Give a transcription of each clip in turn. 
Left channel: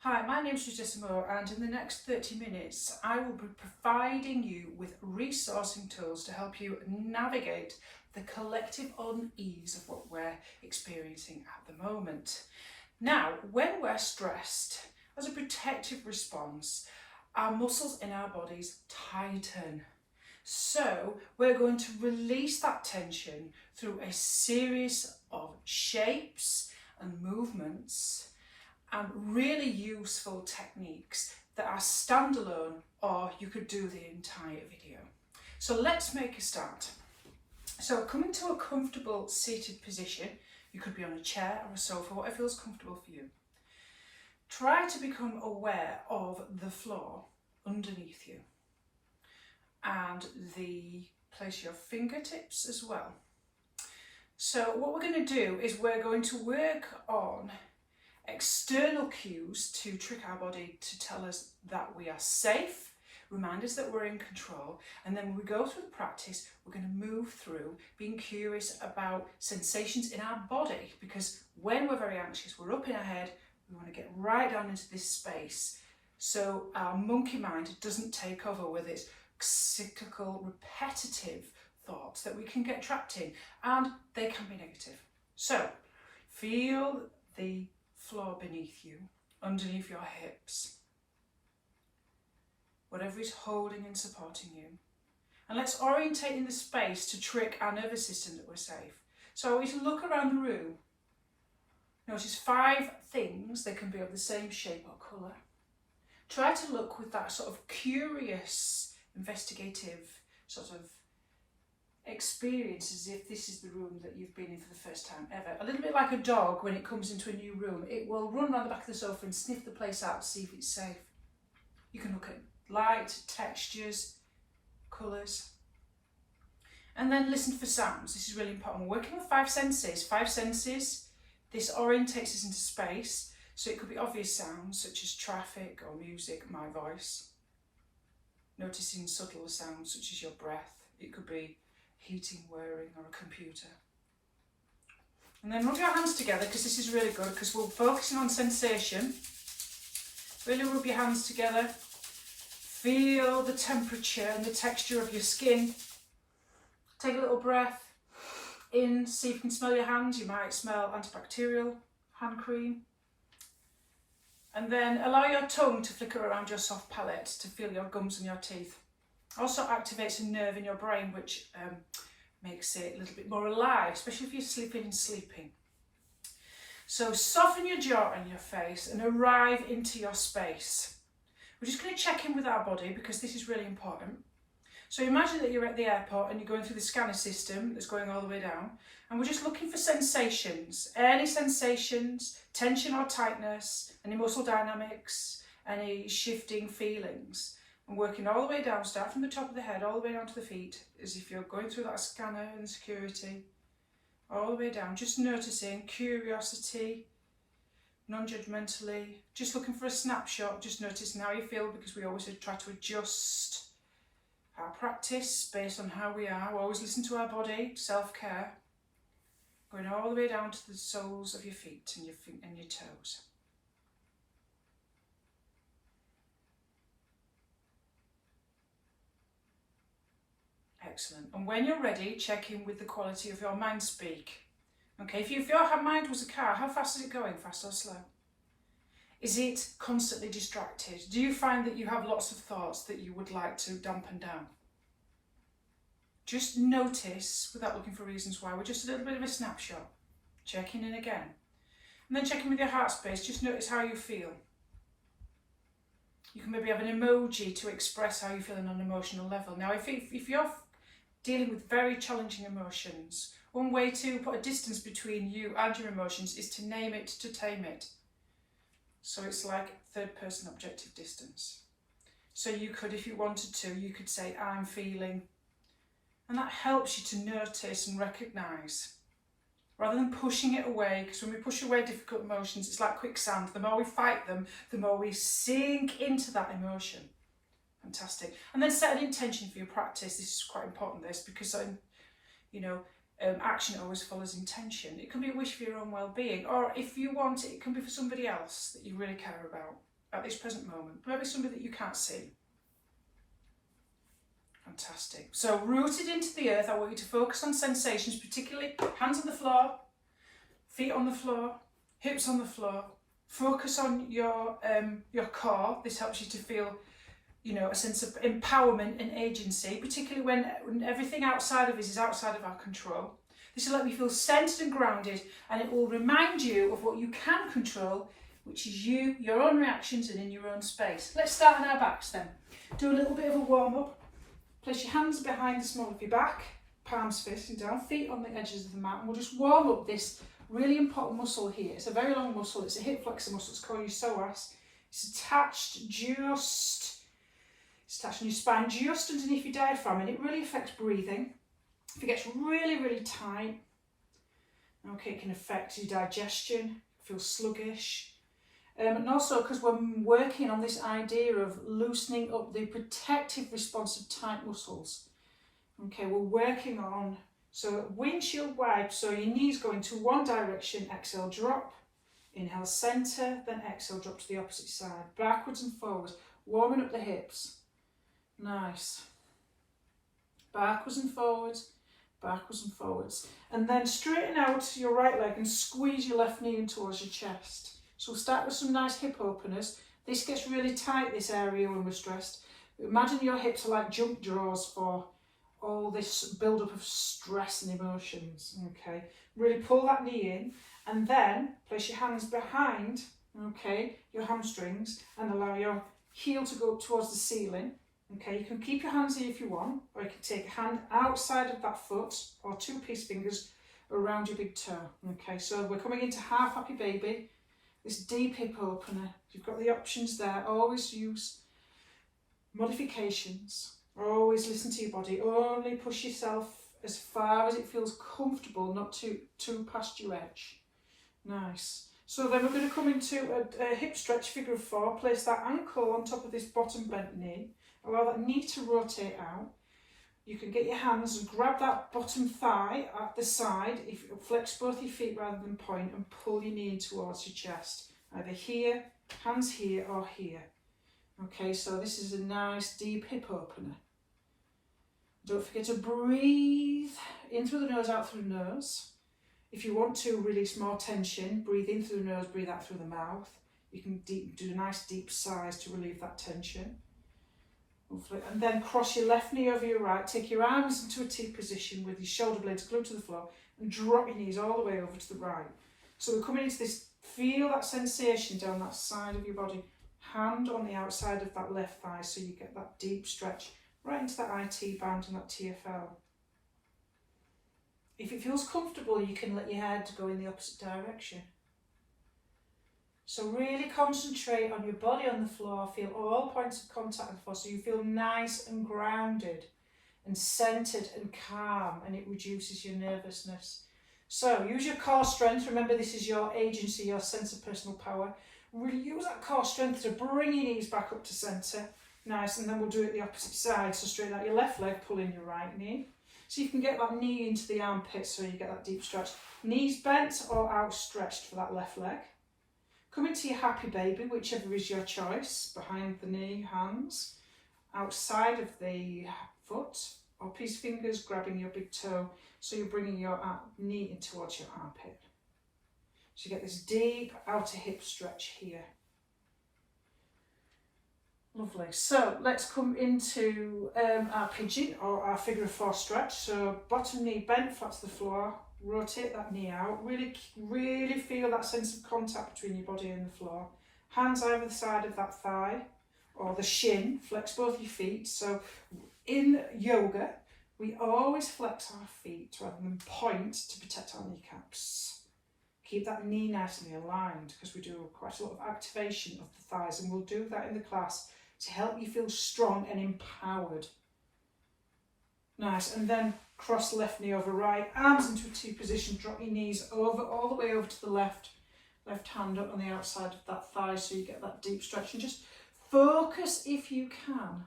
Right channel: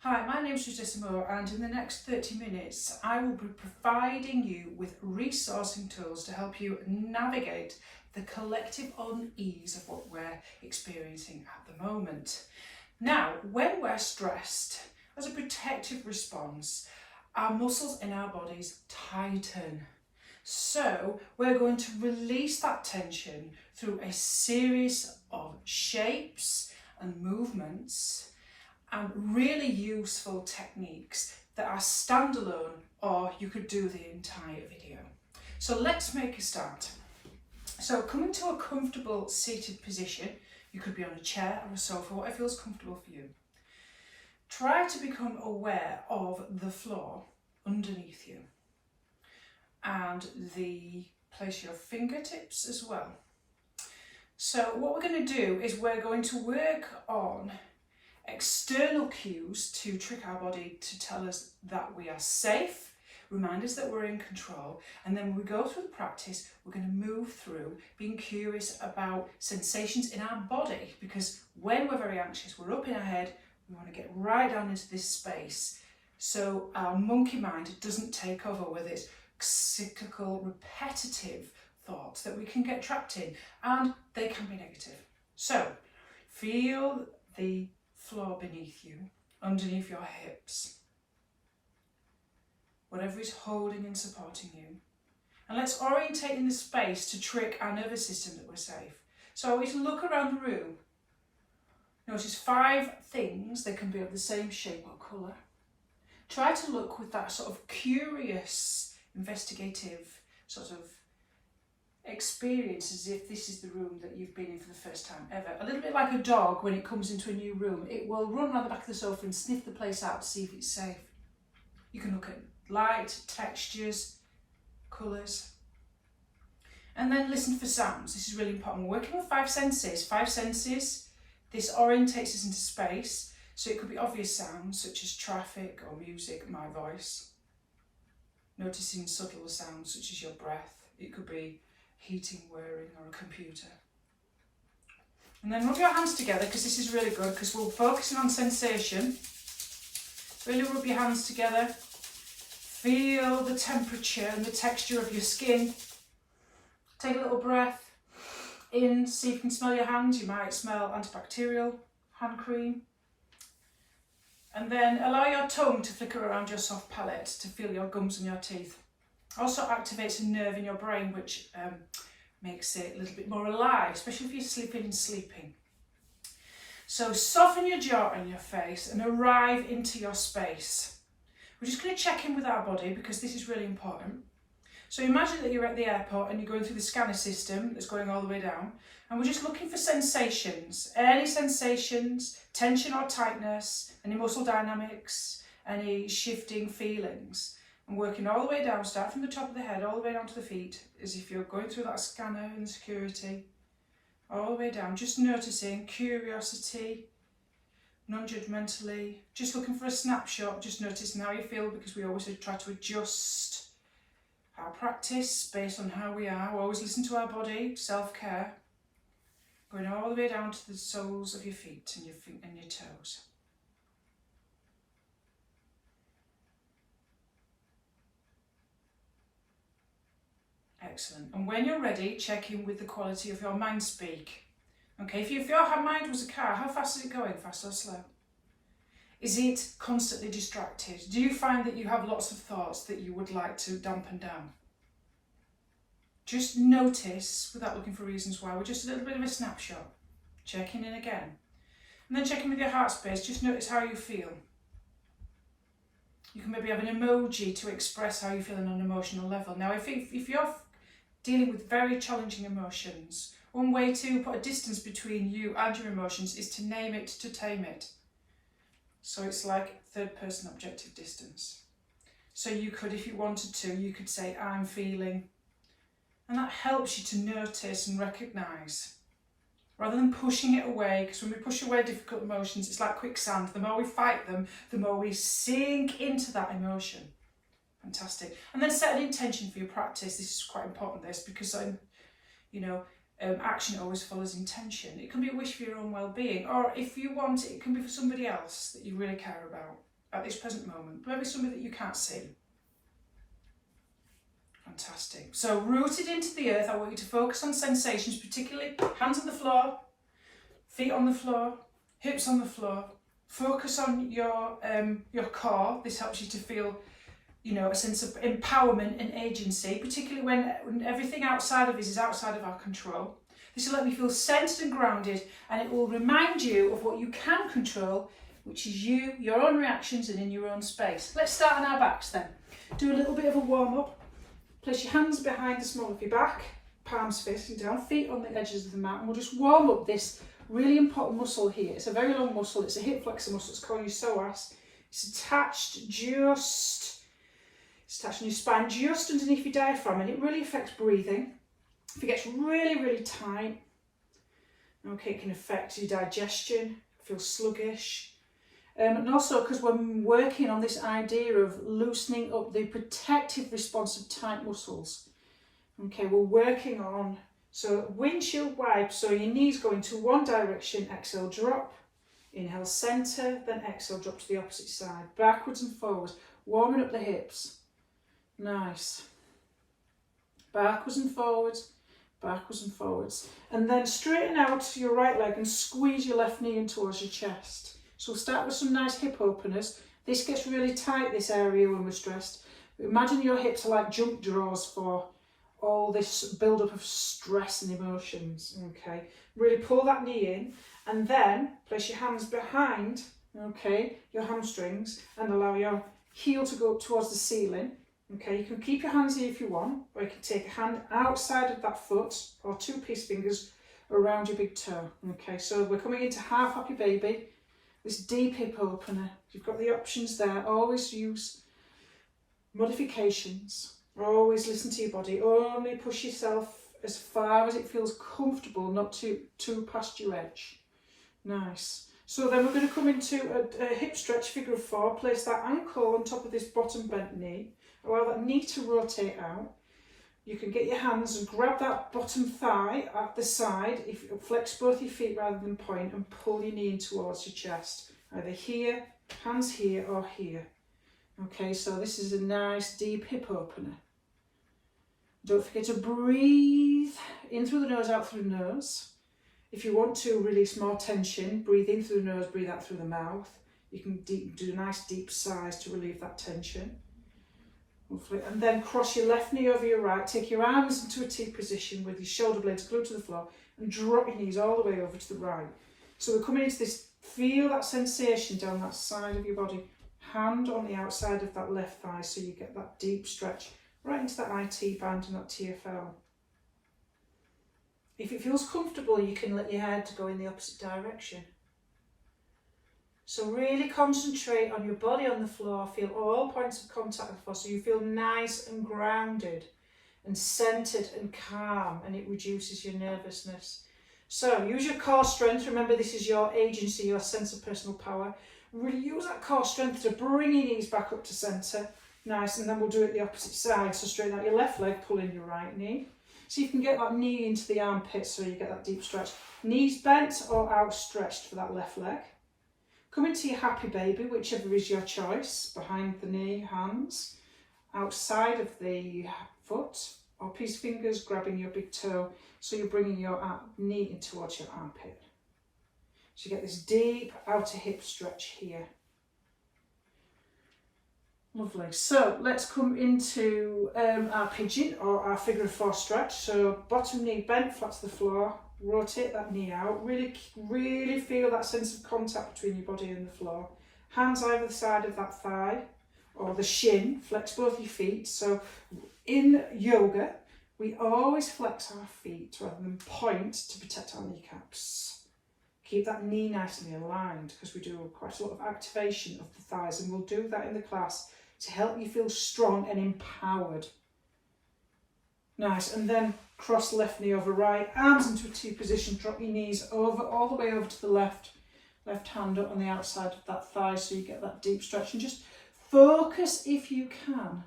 Hi, my name is Judgement, and in the next 30 minutes I will be providing you with resourcing tools to help you navigate the collective unease of what we're experiencing at the moment. Now, when we're stressed, as a protective response, our muscles in our bodies tighten. So we're going to release that tension through a series of shapes and movements and really useful techniques that are standalone, or you could do the entire video. So let's make a start. So come into a comfortable seated position. You could be on a chair or a sofa, whatever feels comfortable for you. Try to become aware of the floor underneath you and place your fingertips as well. So what we're going to do is we're going to work on external cues to trick our body to tell us that we are safe, remind us that we're in control, and then when we go through the practice, we're going to move through being curious about sensations in our body, because when we're very anxious, we're up in our head, we want to get right down into this space so our monkey mind doesn't take over with its cyclical, repetitive thoughts that we can get trapped in, and they can be negative. So feel the floor beneath you, underneath your hips, whatever is holding and supporting you. And let's orientate in the space to trick our nervous system that we're safe. So we can look around the room. Notice 5 things, they can be of the same shape or colour. Try to look with that sort of curious, investigative sort of experience, as if this is the room that you've been in for the first time ever. A little bit like a dog when it comes into a new room. It will run around the back of the sofa and sniff the place out to see if it's safe. You can look at light, textures, colours. And then listen for sounds. This is really important. We're working with 5 senses. 5 senses. This orientates us into space. So it could be obvious sounds such as traffic or music, my voice. Noticing subtler sounds such as your breath. It could be heating, whirring, or a computer. And then rub your hands together, because this is really good, because we're focusing on sensation. Really rub your hands together. Feel the temperature and the texture of your skin. Take a little breath in, see if you can smell your hands. You might smell antibacterial hand cream. And then allow your tongue to flicker around your soft palate to feel your gums and your teeth. Also activates a nerve in your brain which makes it a little bit more alive, especially if you're sleeping and sleeping. So soften your jaw and your face and arrive into your space. We're just going to check in with our body, because this is really important. So imagine that you're at the airport and you're going through the scanner system that's going all the way down, and we're just looking for sensations, any sensations, tension or tightness, any muscle dynamics, any shifting feelings. And working all the way down, start from the top of the head all the way down to the feet, as if you're going through that scanner and security, all the way down, just noticing curiosity, non-judgmentally, just looking for a snapshot, just noticing how you feel, because we always try to adjust our practice based on how we are. We always listen to our body, self-care, going all the way down to the soles of your feet and your toes. Excellent. And when you're ready, check in with the quality of your mind speak. Okay, if your mind was a car, how fast is it going? Fast or slow? Is it constantly distracted? Do you find that you have lots of thoughts that you would like to dampen down? Just notice, without looking for reasons why, with just a little bit of a snapshot. Checking in again. And then check in with your heart space. Just notice how you feel. You can maybe have an emoji to express how you feel on an emotional level. Now, if you're dealing with very challenging emotions, one way to put a distance between you and your emotions is to name it, to tame it. So it's like third-person objective distance. So you could, if you wanted to, you could say, I'm feeling. And that helps you to notice and recognise, rather than pushing it away, because when we push away difficult emotions, it's like quicksand. The more we fight them, the more we sink into that emotion. Fantastic. And then set an intention for your practice. This is quite important, this, because action always follows intention. It can be a wish for your own well-being, or if you want it, it can be for somebody else that you really care about at this present moment, maybe somebody that you can't see. Fantastic. So rooted into the earth, I want you to focus on sensations, particularly hands on the floor, feet on the floor, hips on the floor. Focus on your core. This helps you to feel, you know, a sense of empowerment and agency, particularly when everything outside of us is outside of our control. This will let me feel centered and grounded, and it will remind you of what you can control, which is you, your own reactions, and in your own space. Let's start on our backs then. Do a little bit of a warm-up. Place your hands behind the small of your back, palms facing down, feet on the edges of the mat, and we'll just warm up this really important muscle here. It's a very long muscle. It's a hip flexor muscle. It's called your psoas. It's attached on your spine, just underneath your diaphragm, and it really affects breathing. If it gets really, really tight, okay, it can affect your digestion, feel sluggish. And also because we're working on this idea of loosening up the protective response of tight muscles. Okay, we're working on, so windshield wipe, so your knees go into one direction, exhale, drop, inhale, center, then exhale, drop to the opposite side, backwards and forwards, warming up the hips. Nice. Backwards and forwards, backwards and forwards. And then straighten out your right leg and squeeze your left knee in towards your chest. So we'll start with some nice hip openers. This gets really tight, this area, when we're stressed. Imagine your hips are like jump drawers for all this build-up of stress and emotions. Okay, really pull that knee in, and then place your hands behind, okay, your hamstrings, and allow your heel to go up towards the ceiling. Okay, you can keep your hands here if you want, or you can take a hand outside of that foot, or two peace fingers around your big toe. Okay, so we're coming into half happy baby, this deep hip opener. You've got the options there. Always use modifications. Always listen to your body. Only push yourself as far as it feels comfortable, not too past your edge. Nice. So then we're going to come into a hip stretch, figure of four. Place that ankle on top of this bottom bent knee. Allow that knee to rotate out. You can get your hands and grab that bottom thigh at the side. If you flex both your feet rather than point, and pull your knee in towards your chest. Either here, hands here, or here. Okay, so this is a nice deep hip opener. Don't forget to breathe in through the nose, out through the nose. If you want to release more tension, breathe in through the nose, breathe out through the mouth. You can do a nice deep sighs to relieve that tension. And then cross your left knee over your right, take your arms into a T position with your shoulder blades glued to the floor, and drop your knees all the way over to the right. So we're coming into this, feel that sensation down that side of your body, hand on the outside of that left thigh, so you get that deep stretch right into that IT band and that TFL. If it feels comfortable, you can let your head go in the opposite direction. So really concentrate on your body on the floor, feel all points of contact with the floor, so you feel nice and grounded and centered and calm, and it reduces your nervousness. So use your core strength. Remember, this is your agency, your sense of personal power. Really use that core strength to bring your knees back up to center. Nice, and then we'll do it the opposite side. So straighten out your left leg, pull in your right knee. So you can get that knee into the armpit, so you get that deep stretch. Knees bent or outstretched for that left leg. Come into your happy baby, whichever is your choice, behind the knee, hands, outside of the foot, or peace fingers grabbing your big toe, so you're bringing your knee in towards your armpit. So you get this deep outer hip stretch here. Lovely. So let's come into our pigeon, or our figure of four stretch. So bottom knee bent flat to the floor. Rotate that knee out, really feel that sense of contact between your body and the floor. Hands either side of that thigh or the shin, flex both your feet. So in yoga, we always flex our feet rather than point to protect our kneecaps. Keep that knee nicely aligned, because we do quite a lot of activation of the thighs, and we'll do that in the class to help you feel strong and empowered. Nice, and then cross left knee over right, arms into a T position, drop your knees over, all the way over to the left hand up on the outside of that thigh, so you get that deep stretch. And just focus, if you can,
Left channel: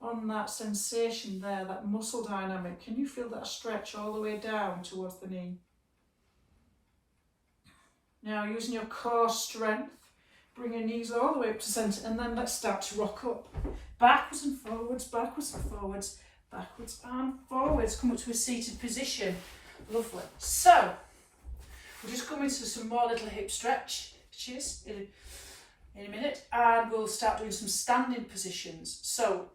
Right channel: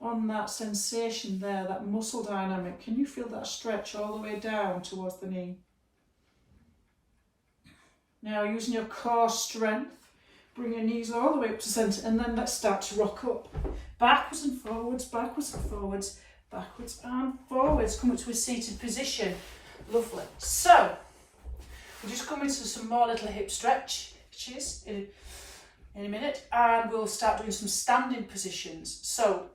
on that sensation there, that muscle dynamic. Can you feel that stretch all the way down towards the knee? Now using your core strength, bring your knees all the way up to centre, and then let's start to rock up. Backwards and forwards, backwards and forwards, backwards and forwards. Come up to a seated position. Lovely. So, we'll just come into some more little hip stretches in a minute, and we'll start doing some standing positions. So,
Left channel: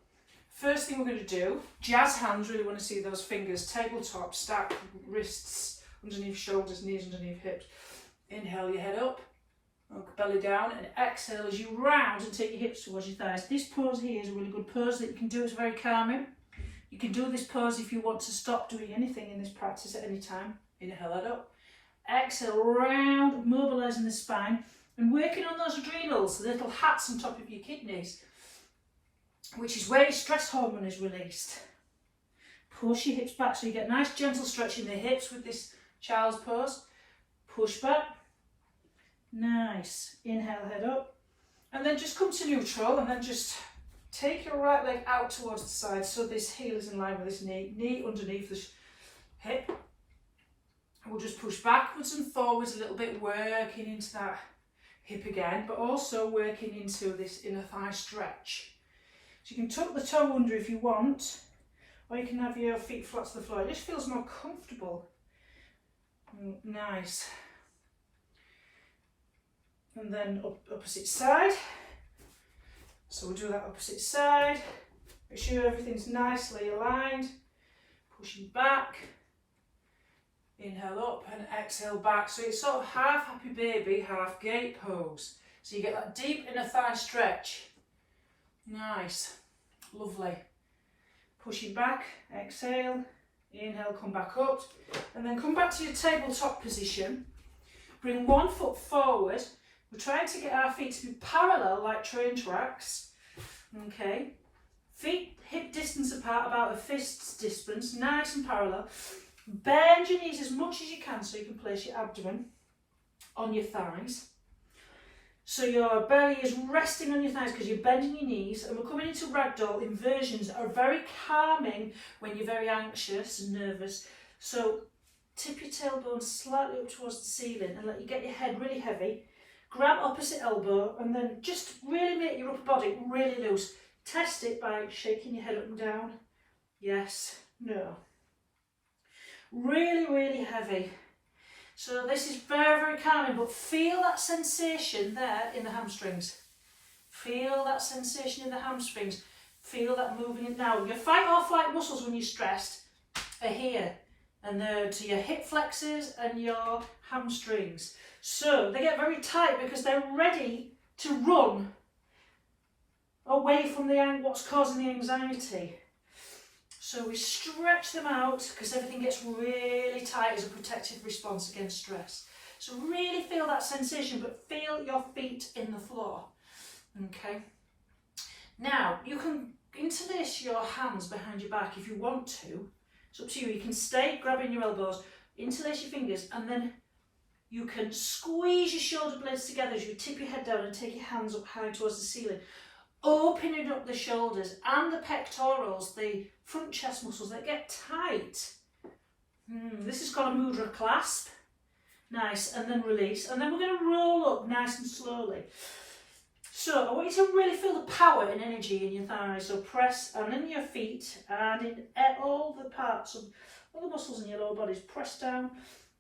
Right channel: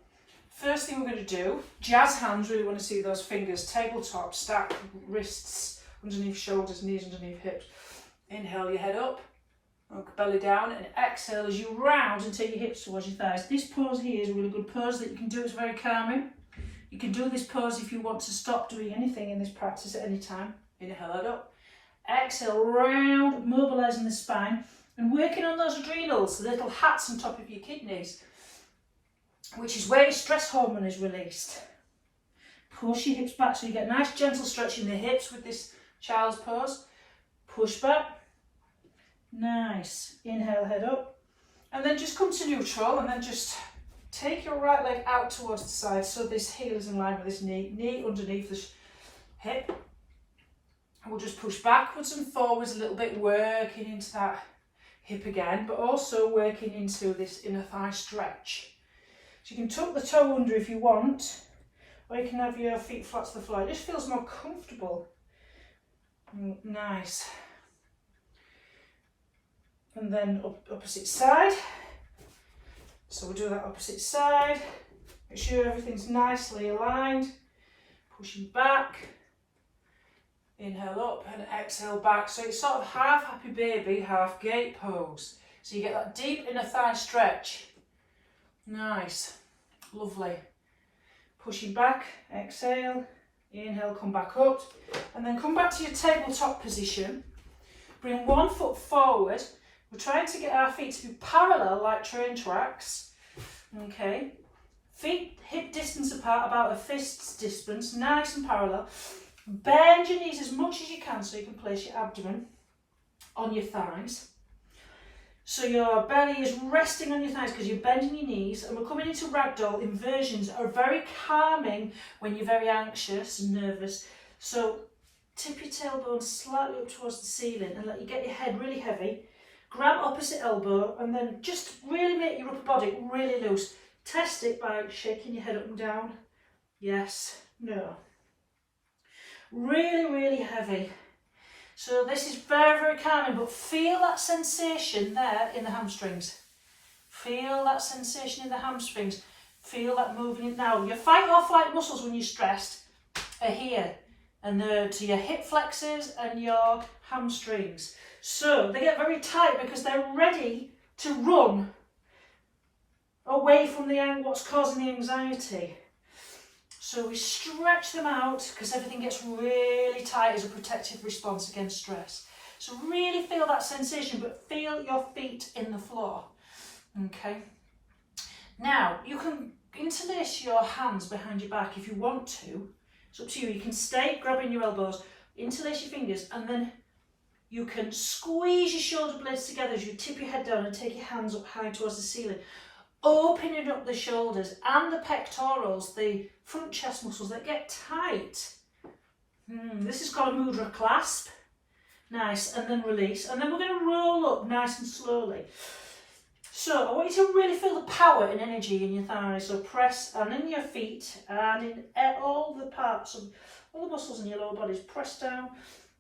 first thing we're going to do, jazz hands, really want to see those fingers, tabletop, stack wrists underneath shoulders, knees underneath hips. Inhale your head up, belly down, and exhale as you round and take your hips towards your thighs. This pose here is a really good pose that you can do. It's very calming. You can do this pose if you want to stop doing anything in this practice at any time. Inhale that up. Exhale, round, mobilising the spine and working on those adrenals, the little hats on top of your kidneys, which is where your stress hormone is released. Push your hips back so you get nice gentle stretch in the hips with this child's pose. Push back. Nice. Inhale, head up. And then just come to neutral and then just take your right leg out towards the side so this heel is in line with this knee underneath the hip. And we'll just push backwards and forwards a little bit, working into that hip again, but also working into this inner thigh stretch. So you can tuck the toe under if you want, or you can have your feet flat to the floor. It just feels more comfortable. Nice. And then opposite side. So we'll do that opposite side. Make sure everything's nicely aligned. Pushing back. Inhale up and exhale back. So it's sort of half happy baby, half gate pose. So you get that deep inner thigh stretch. Nice. Lovely. Pushing back, exhale. Inhale, come back up. And then come back to your tabletop position. Bring one foot forward. We're trying to get our feet to be parallel like train tracks. Okay. Feet hip distance apart, about a fist's distance, nice and parallel. Bend your knees as much as you can so you can place your abdomen on your thighs. So your belly is resting on your thighs because you're bending your knees, and we're coming into ragdoll. Inversions are very calming when you're very anxious and nervous. So tip your tailbone slightly up towards the ceiling and let you get your head really heavy. Grab opposite elbow and then just really make your upper body really loose. Test it by shaking your head up and down. Yes, no. Really, really heavy. So this is very, very calming, but feel that sensation there in the hamstrings. Feel that sensation in the hamstrings. Feel that moving now. Your fight or flight muscles when you're stressed are here, and they're to your hip flexors and your hamstrings. So they get very tight because they're ready to run away from what's causing the anxiety. So we stretch them out because everything gets really tight as a protective response against stress. So really feel that sensation, but feel your feet in the floor. Okay. Now you can interlace your hands behind your back if you want to. It's up to you. You can stay grabbing your elbows, interlace your fingers, and then you can squeeze your shoulder blades together as you tip your head down and take your hands up high towards the ceiling. Opening up the shoulders and the pectorals, the front chest muscles that get tight. This is called a mudra clasp. Nice, and then release. And then we're going to roll up nice and slowly. So I want you to really feel the power and energy in your thighs. So press, and in your feet, and in all the parts of all the muscles in your lower bodies. Press down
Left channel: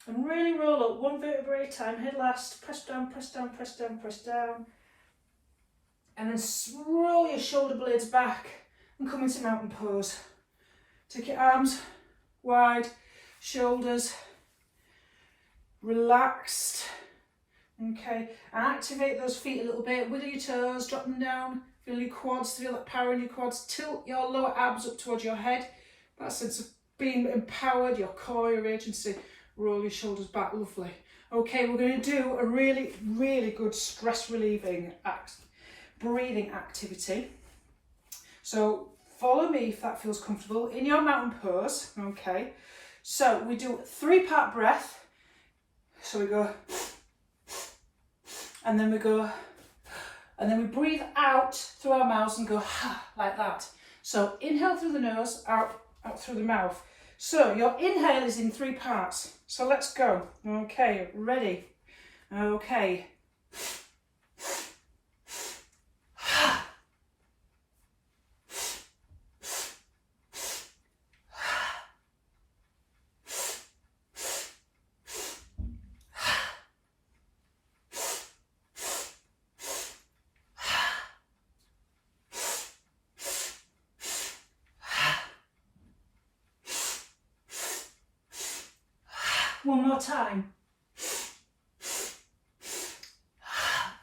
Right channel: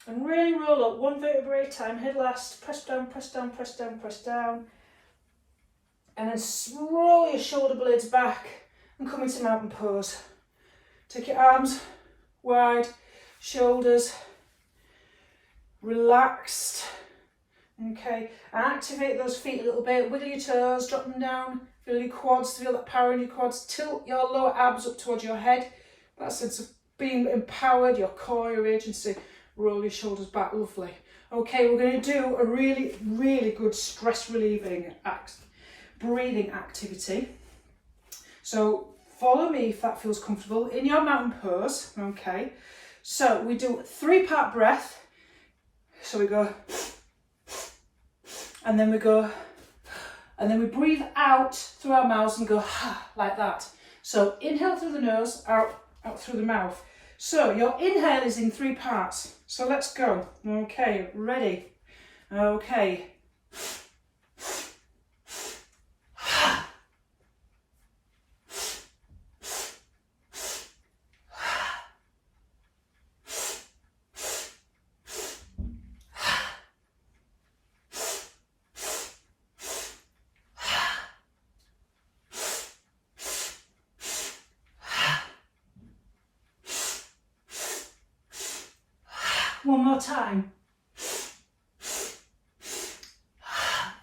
and really roll up, one vertebrae at a time, head last. Press down, press down, press down, press down. And then roll your shoulder blades back and come into mountain pose. Take your arms wide, shoulders relaxed. Okay, activate those feet a little bit, wiggle your toes, drop them down, feel your quads, feel that power in your quads, tilt your lower abs up towards your head, that sense of being empowered, your core, your agency, roll your shoulders back, lovely. Okay, we're going to do a really, really good stress relieving breathing activity. So follow me if that feels comfortable in your mountain pose. Okay, so we do 3-part breath. So we go, and then we go, and then we breathe out through our mouths and go like that. So inhale through the nose, out through the mouth. So your inhale is in 3 parts. So let's go. Okay, ready? Okay. One more time.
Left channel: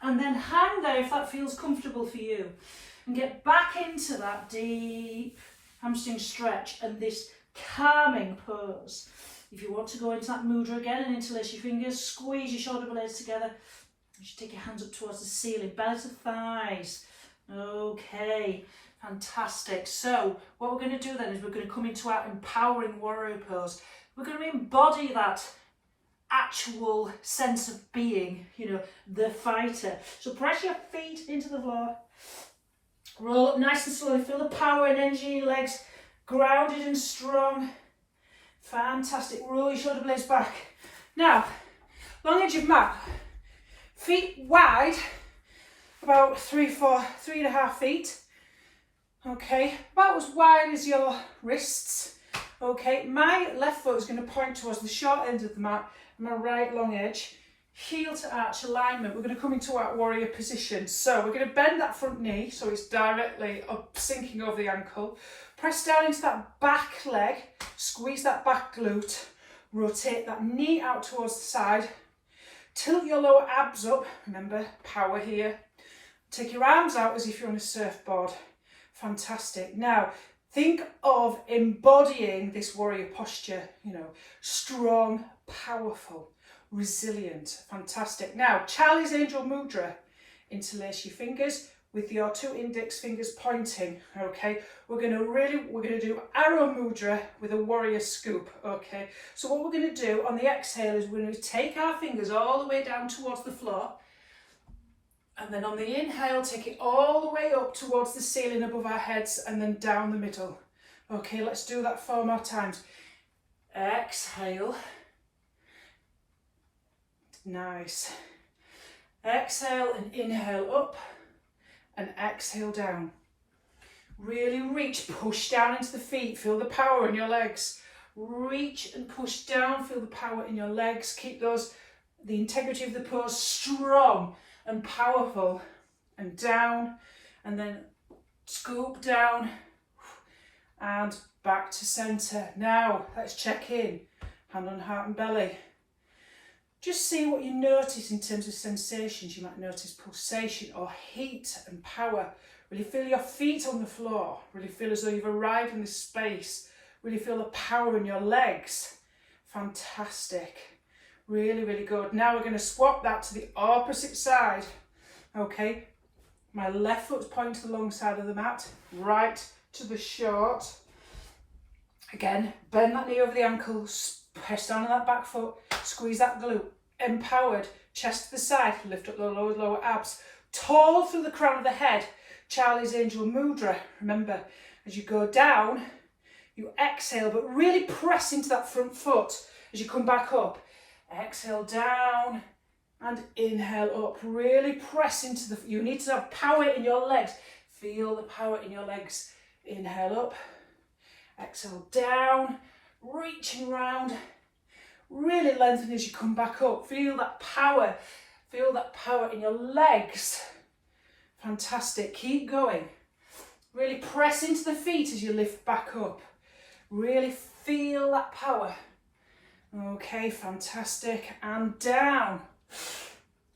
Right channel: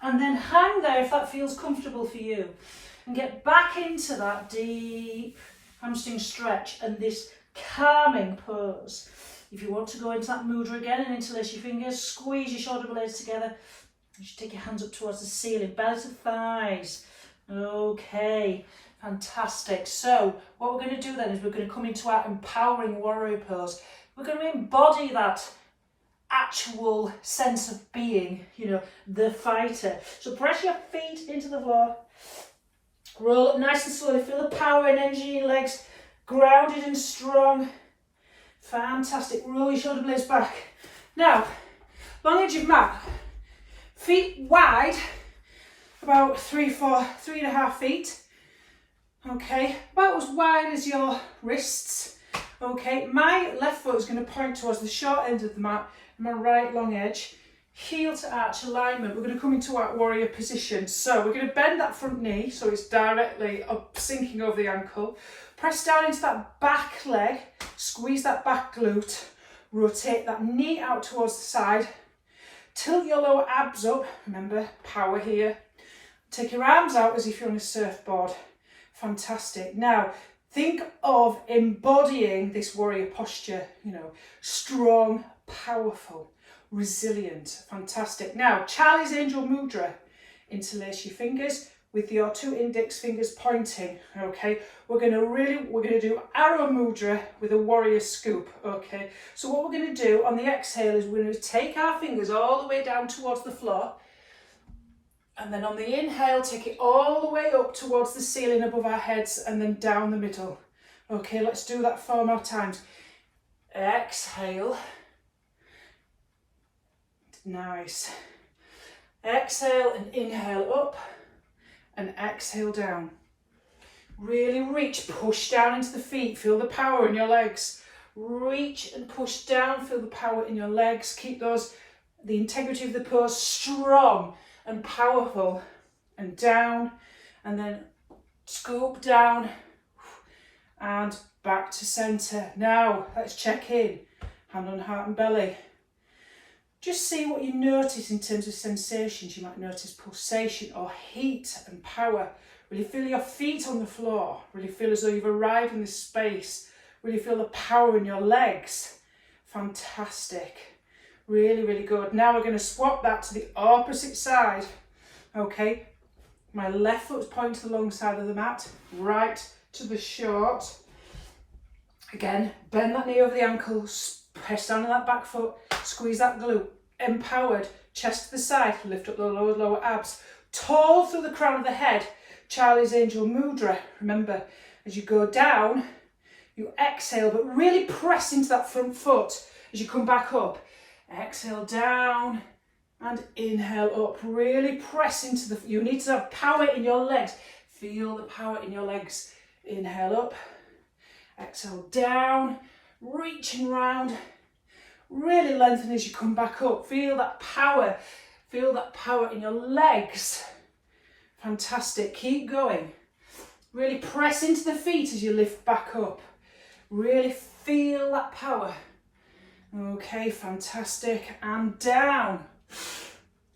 And then hang there if that feels comfortable for you. And get back into that deep hamstring stretch and this calming pose. If you want to go into that mudra again and interlace your fingers, squeeze your shoulder blades together. Just take your hands up towards the ceiling, belly to thighs. Okay, fantastic. So what we're going to do then is we're going to come into our empowering warrior pose. We're going to embody that actual sense of being, you know, the fighter. So press your feet into the floor. Roll up nice and slowly. Feel the power and energy in your legs. Grounded and strong. Fantastic. Roll your shoulder blades back. Now, long edge of mat. Feet wide. About 3.5 feet. Okay. About as wide as your wrists. Okay, my left foot is going to point towards the short end of the mat, and my right long edge, heel to arch alignment. We're going to come into our warrior position. So we're going to bend that front knee so it's directly up, sinking over the ankle. Press down into that back leg, squeeze that back glute, rotate that knee out towards the side, tilt your lower abs up, remember, power here. Take your arms out as if you're on a surfboard. Fantastic. Now, think of embodying this warrior posture, you know, strong, powerful, resilient, fantastic. Now, Charlie's Angel Mudra. Interlace your fingers with your 2 index fingers pointing, okay? We're going to do arrow mudra with a warrior scoop, okay? So what we're going to do on the exhale is we're going to take our fingers all the way down towards the floor. And then on the inhale, take it all the way up towards the ceiling above our heads and then down the middle. Okay, let's do that 4 more times. Exhale. Nice. Exhale and inhale up and exhale down. Really reach, push down into the feet. Feel the power in your legs. Reach and push down, feel the power in your legs. Keep the integrity of the pose strong and powerful, and down, and then scoop down and back to center. Now let's check in, hand on heart and belly. Just see what you notice in terms of sensations. You might notice pulsation or heat and power. Really feel your feet on the floor. Really feel as though you've arrived in this space. Really feel the power in your legs. Fantastic. Really, really good. Now we're going to swap that to the opposite side. Okay, my left foot's pointing to the long side of the mat, right to the short. Again, bend that knee over the ankle, press down on that back foot, squeeze that glute. Empowered, chest to the side, lift up the lower abs. Tall through the crown of the head, Charlie's Angel Mudra. Remember, as you go down, you exhale, but really press into that front foot as you come back up. Exhale down and inhale up. Really press into you need to have power in your legs. Feel the power in your legs. Inhale up, exhale down, reaching round. Really lengthen as you come back up. Feel that power in your legs. Fantastic, keep going. Really press into the feet as you lift back up. Really feel that power. Okay, fantastic, and down,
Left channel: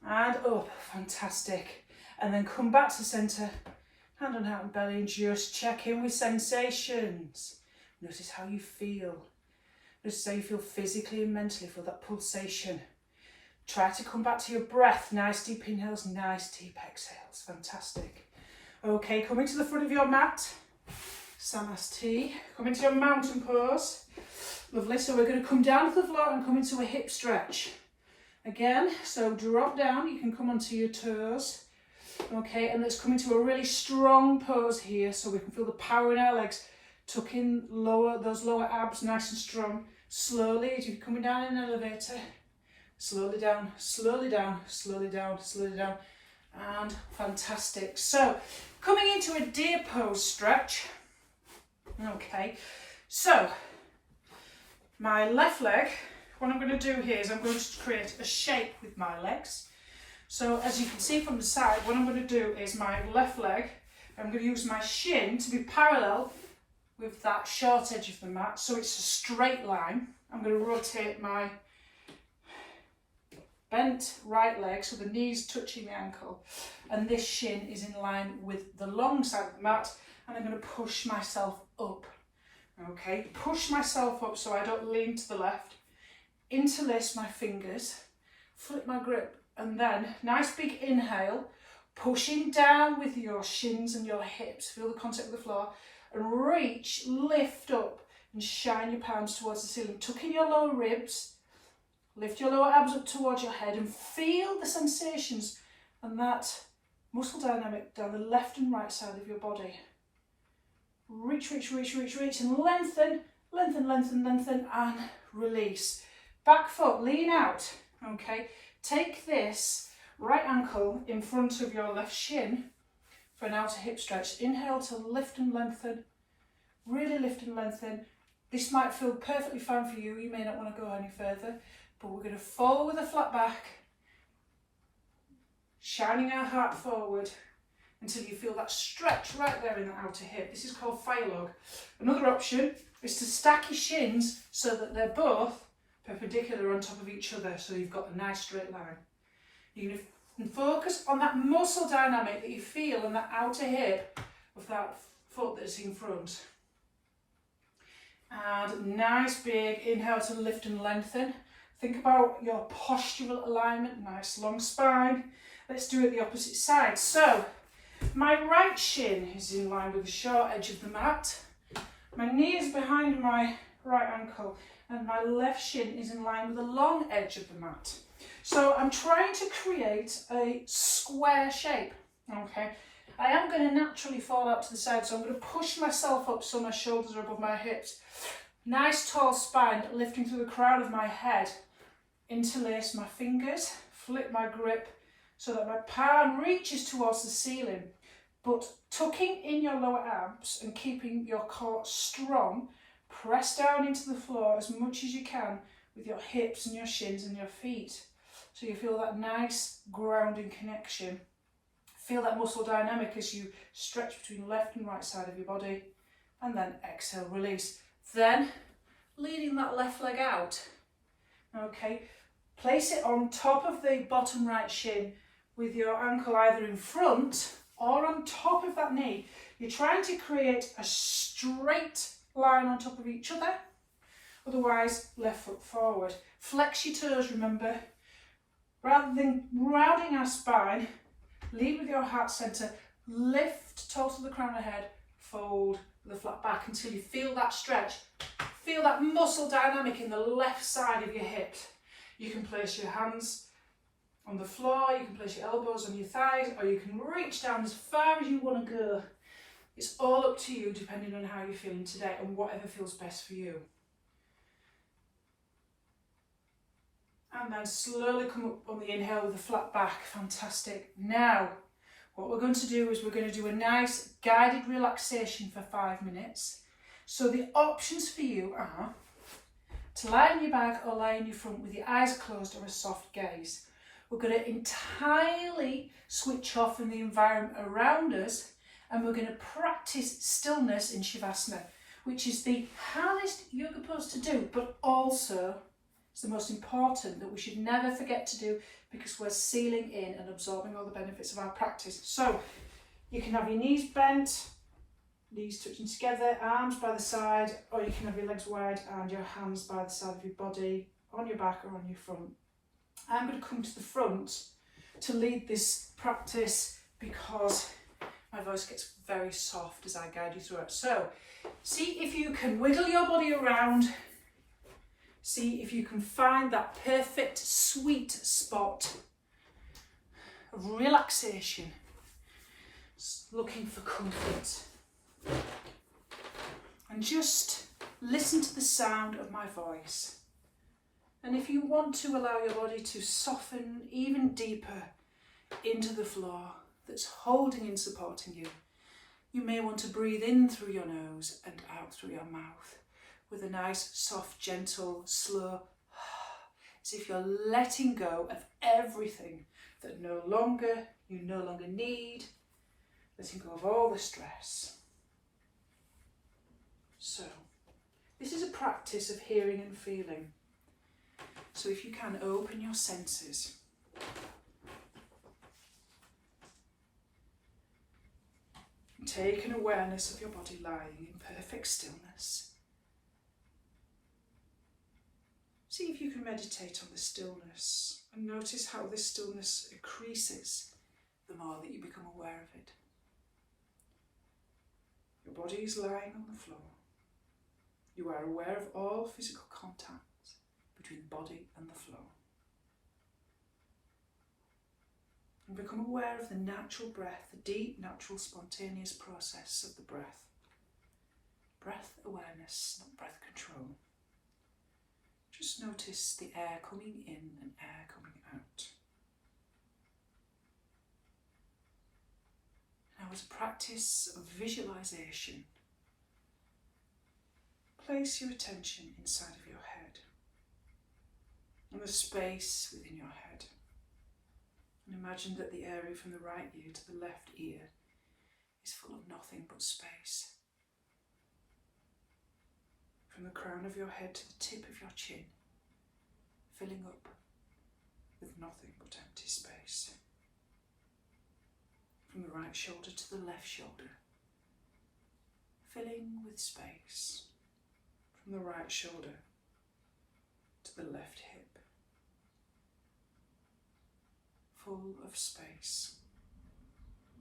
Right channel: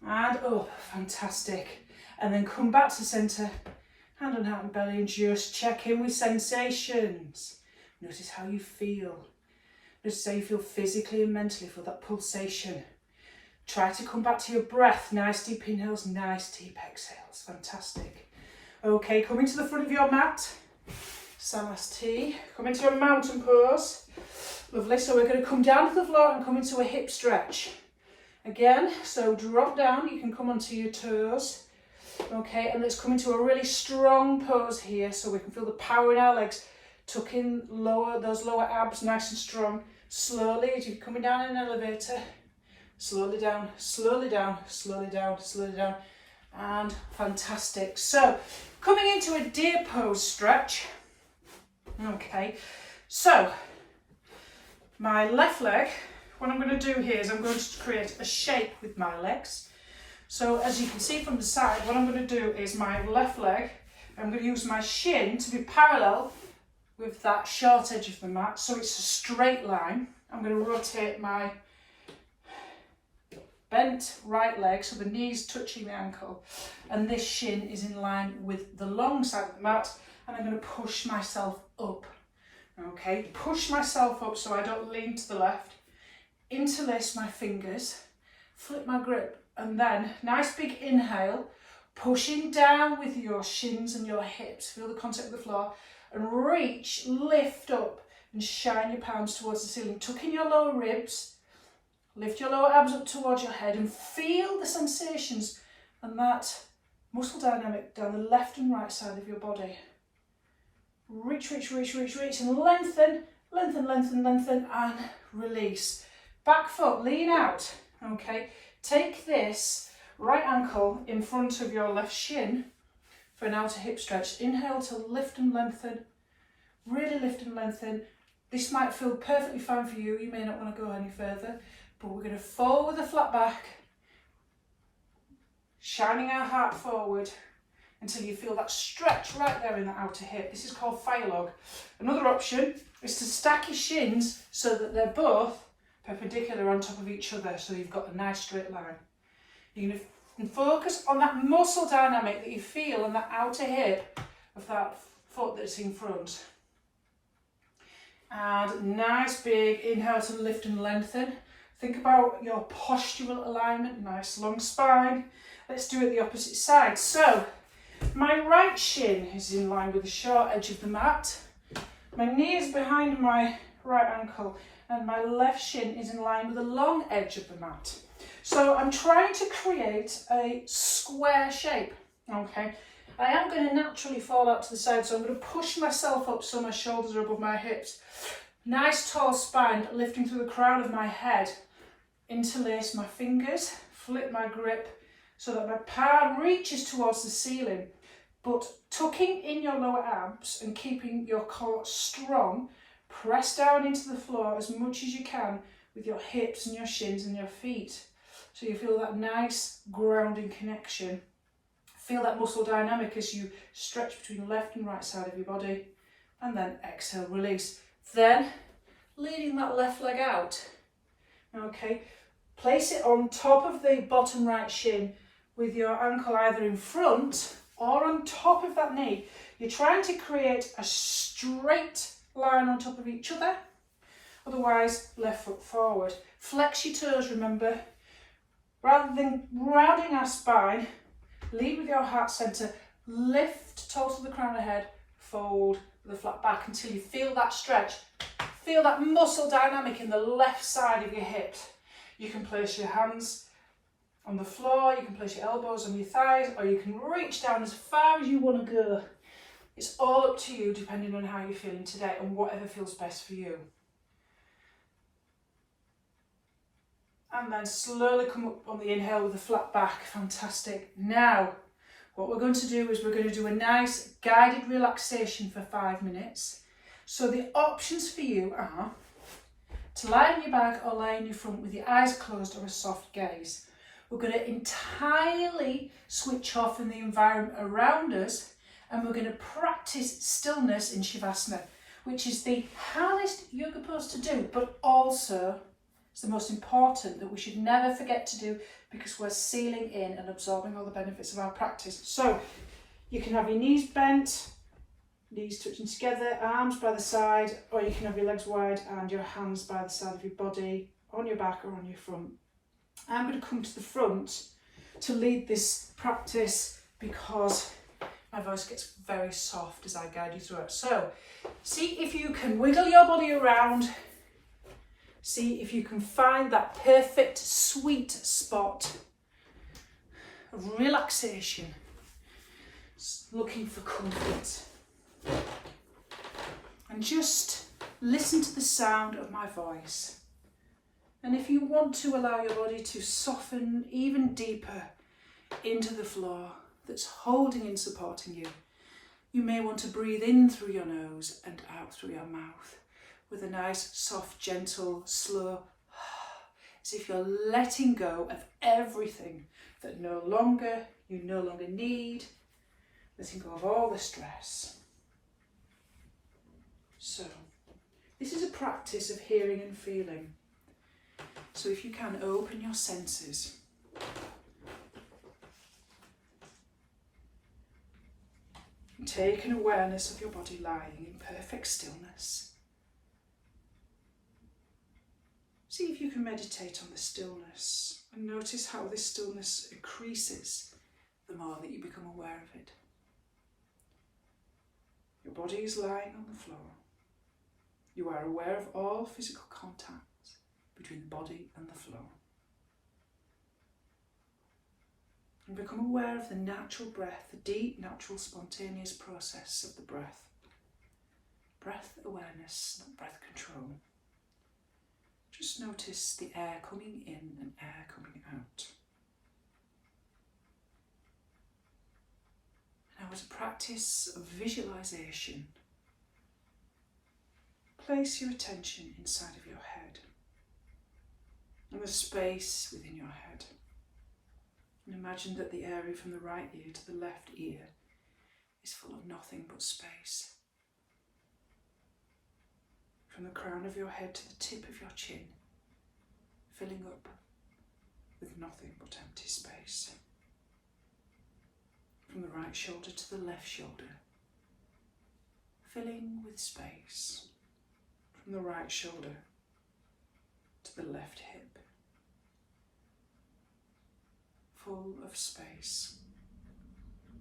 and up, fantastic. And then come back to center, hand on heart and belly, and just check in with sensations. Notice how you feel. Notice how you feel physically and mentally for that pulsation. Try to come back to your breath. Nice deep inhales, nice deep exhales. Fantastic. Okay, come into the front of your mat. Samasthi. Come into your mountain pose. Lovely. So we're going to come down to the floor and come into a hip stretch. Again, so drop down. You can come onto your toes. Okay, and let's come into a really strong pose here so we can feel the power in our legs. Tuck in those lower abs nice and strong. Slowly, as you're coming down in an elevator, slowly down, slowly down, slowly down, slowly down. And fantastic. So, coming into a deer pose stretch. Okay, so my left leg, what I'm going to do here is I'm going to create a shape with my legs. So as you can see from the side, what I'm going to do is my left leg, I'm going to use my shin to be parallel with that short edge of the mat, so it's a straight line. I'm going to rotate my bent right leg, so the knee's touching the ankle, and this shin is in line with the long side of the mat, and I'm going to push myself up. Okay, push myself up so I don't lean to the left, interlace my fingers, flip my grip, and then nice big inhale, pushing down with your shins and your hips, feel the contact with the floor, and reach, lift up and shine your palms towards the ceiling. Tuck in your lower ribs, lift your lower abs up towards your head and feel the sensations and that muscle dynamic down the left and right side of your body. Reach, reach, reach, reach, reach, and lengthen, lengthen, lengthen, lengthen, and release. Back foot, lean out, okay? Take this right ankle in front of your left shin for an outer hip stretch. Inhale to lift and lengthen, really lift and lengthen. This might feel perfectly fine for you. You may not want to go any further, but we're going to fall with a flat back, shining our heart forward until you feel that stretch right there in the outer hip. This is called fire log. Another option is to stack your shins so that they're both perpendicular on top of each other, so you've got a nice straight line. You're going to focus on that muscle dynamic that you feel on that outer hip of that foot that's in front. And nice big inhale to lift and lengthen. Think about your postural alignment, nice long spine. Let's do it the opposite side. So, my right shin is in line with the short edge of the mat. My knee is behind my right ankle and my left shin is in line with the long edge of the mat. So I'm trying to create a square shape, okay? I am going to naturally fall out to the side, so I'm going to push myself up so my shoulders are above my hips. Nice tall spine, lifting through the crown of my head. Interlace my fingers, flip my grip so that my palm reaches towards the ceiling, but tucking in your lower abs and keeping your core strong. Press down into the floor as much as you can with your hips and your shins and your feet. So you feel that nice grounding connection. Feel that muscle dynamic as you stretch between the left and right side of your body. And then exhale, release. Then leading that left leg out. Okay, place it on top of the bottom right shin with your ankle either in front or on top of that knee. You're trying to create a straight line on top of each other, otherwise left foot forward. Flex your toes, remember, rather than rounding our spine, lead with your heart centre, lift tall to the crown of the head, fold with a flat back until you feel that stretch, feel that muscle dynamic in the left side of your hips. You can place your hands on the floor, you can place your elbows on your thighs, or you can reach down as far as you want to go. It's all up to you depending on how you're feeling today and whatever feels best for you. And then slowly come up on the inhale with a flat back. Fantastic. Now, what we're going to do is we're going to do a nice guided relaxation for 5 minutes. So the options for you are to lie on your back or lie on your front with your eyes closed or a soft gaze. We're going to entirely switch off from the environment around us, and we're going to practice stillness in Shavasana, which is the hardest yoga pose to do, but also it's the most important that we should never forget to do because we're sealing in and absorbing all the benefits of our practice. So you can have your knees bent, knees touching together, arms by the side, or you can have your legs wide and your hands by the side of your body, on your back or on your front. I'm going to come to the front to lead this practice because my voice gets very soft as I guide you through it. So, see if you can wiggle your body around. See if you can find that perfect sweet spot of relaxation. looking for comfort. And just listen to the sound of my voice. And if you want to allow your body to soften even deeper into the floor that's holding and supporting you, you may want to breathe in through your nose and out through your mouth with a nice, soft, gentle, slow, as if you're letting go of everything that you no longer need, letting go of all the stress. So, this is a practice of hearing and feeling. So if you can, open your senses. And take an awareness of your body lying in perfect stillness. See if you can meditate on the stillness and notice how this stillness increases the more that you become aware of it. Your body is lying on the floor. You are aware of all physical contact between the body and the floor. And become aware of the natural breath, the deep, natural, spontaneous process of the breath. Breath awareness, not breath control. Just notice the air coming in and air coming out. Now, as a practice of visualization, place your attention inside of your head and the space within your head. And imagine that the area from the right ear to the left ear is full of nothing but space. From the crown of your head to the tip of your chin, filling up with nothing but empty space. From the right shoulder to the left shoulder, filling with space. From the right shoulder to the left hip, full of space.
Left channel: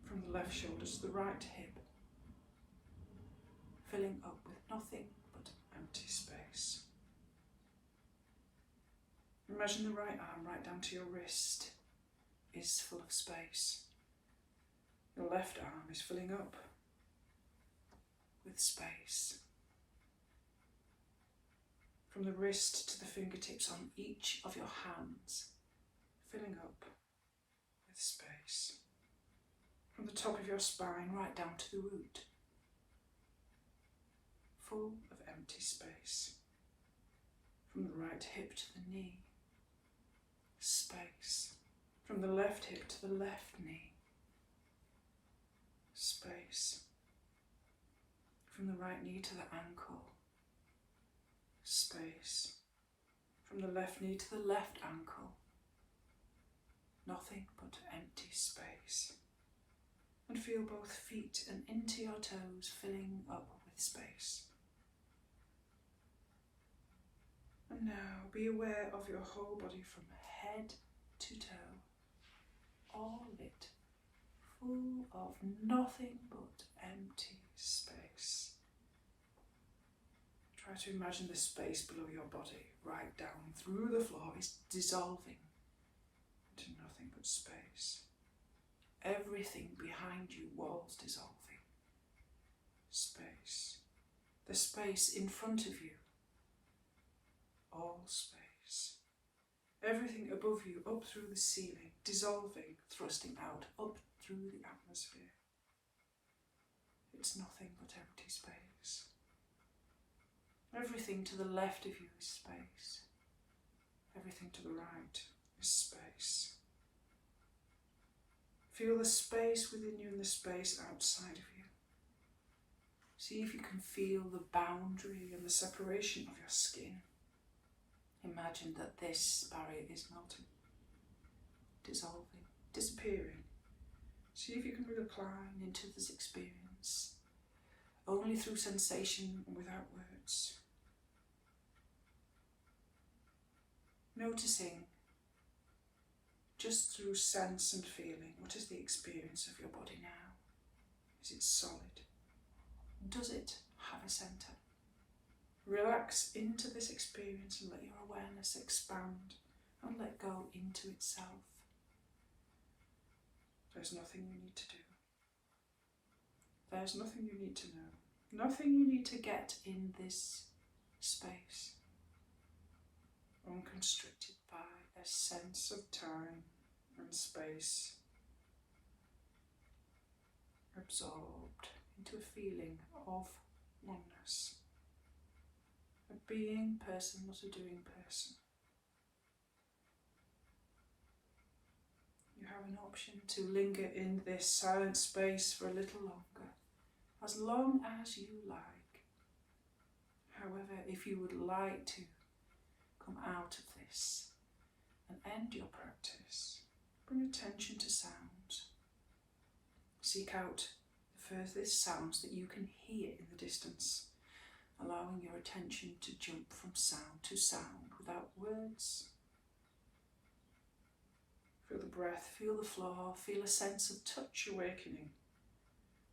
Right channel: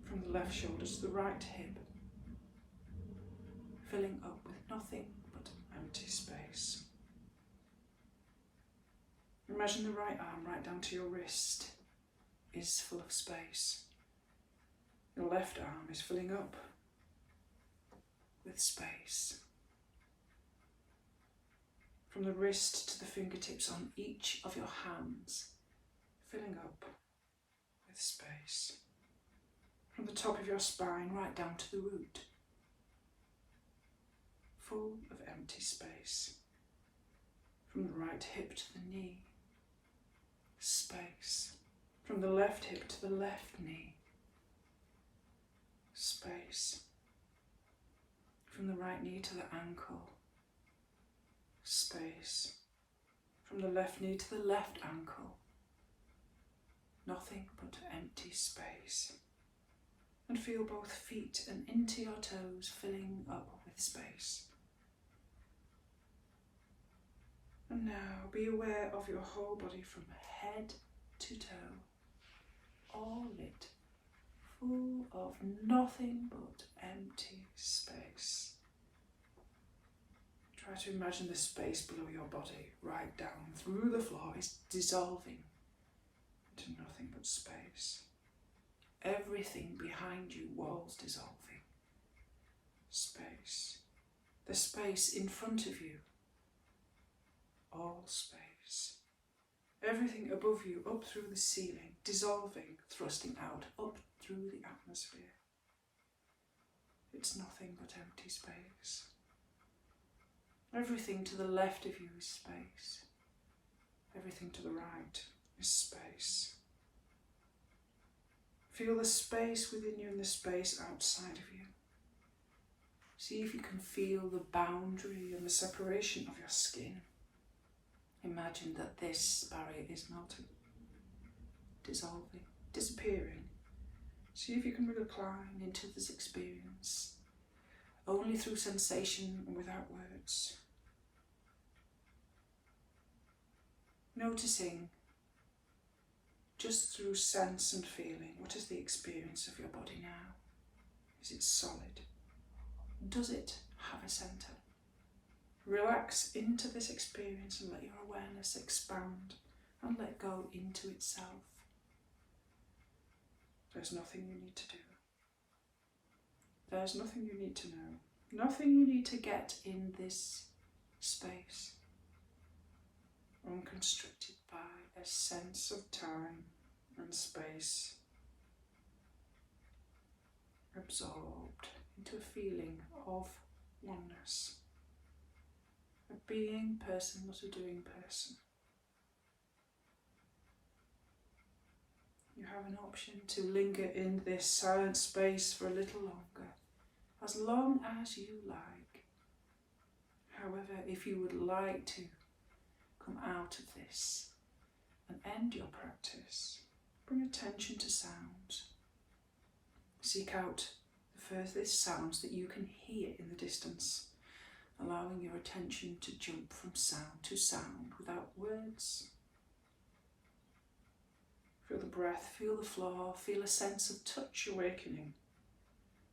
From the left shoulder to the right hip, filling up with nothing but empty space. Imagine the right arm right down to your wrist is full of space. Your left arm is filling up with space. From the wrist to the fingertips on each of your hands, filling up with space. From the top of your spine right down to the root, full of empty space. From the right hip to the knee, space. From the left hip to the left knee, space. From the right knee to the ankle, space. From the left knee to the left ankle, nothing but empty space. And feel both feet and into your toes filling up with space. And now be aware of your whole body from head to toe, all lit, full of nothing but empty space. Try to imagine the space below your body, right down through the floor, is dissolving into nothing but space. Everything behind you, walls dissolving. Space. The space in front of you, all space. Everything above you, up through the ceiling, dissolving, thrusting out, up through the atmosphere. It's nothing but empty space. Everything to the left of you is space. Everything to the right is space. Feel the space within you and the space outside of you. See if you can feel the boundary and the separation of your skin. Imagine that this barrier is melting, dissolving, disappearing. See if you can recline into this experience, only through sensation and without words. Noticing, just through sense and feeling, what is the experience of your body now? Is it solid? Does it have a centre? Relax into this experience and let your awareness expand and let go into itself. There's nothing you need to do. There's nothing you need to know. Nothing you need to get in this space. Unconstricted by a sense of time and space. Absorbed into a feeling of oneness. A being person, not a doing person. You have an option to linger in this silent space for a little longer, as long as you like. However, if you would like to come out of this and end your practice, bring attention to sounds. Seek out the furthest sounds that you can hear in the distance, allowing your attention to jump from sound to sound without words. Feel the breath, feel the floor, feel a sense of touch awakening.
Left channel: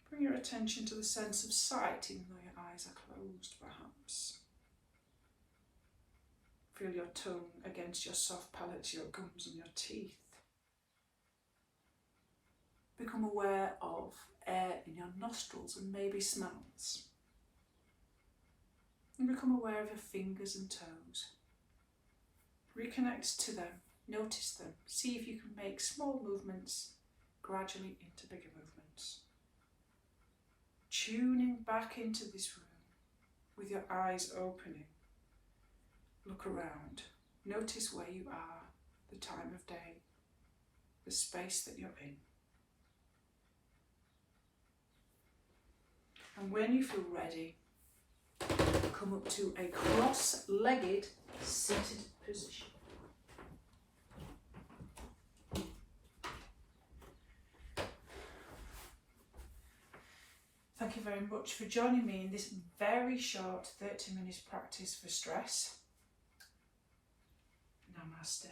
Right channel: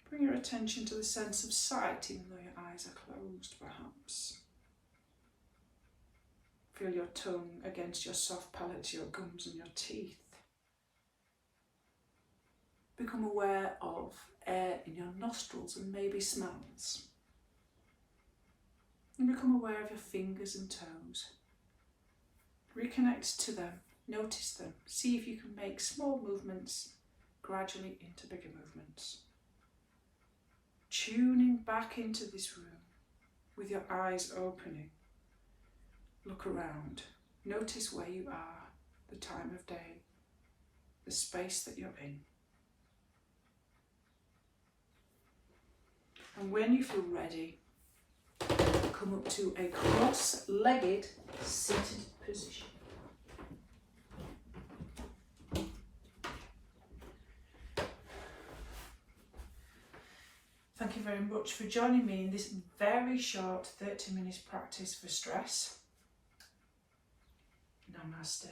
Bring your attention to the sense of sight, even though your eyes are closed, perhaps. Feel your tongue against your soft palate, your gums and your teeth. Become aware of air in your nostrils and maybe smells. And become aware of your fingers and toes. Reconnect to them, notice them, see if you can make small movements gradually into bigger movements. Tuning back into this room with your eyes opening. Look around, notice where you are, the time of day, the space that you're in. And when you feel ready, come up to a cross-legged seated position. Thank you very much for joining me in this very short 30 minutes practice for stress. Namaste.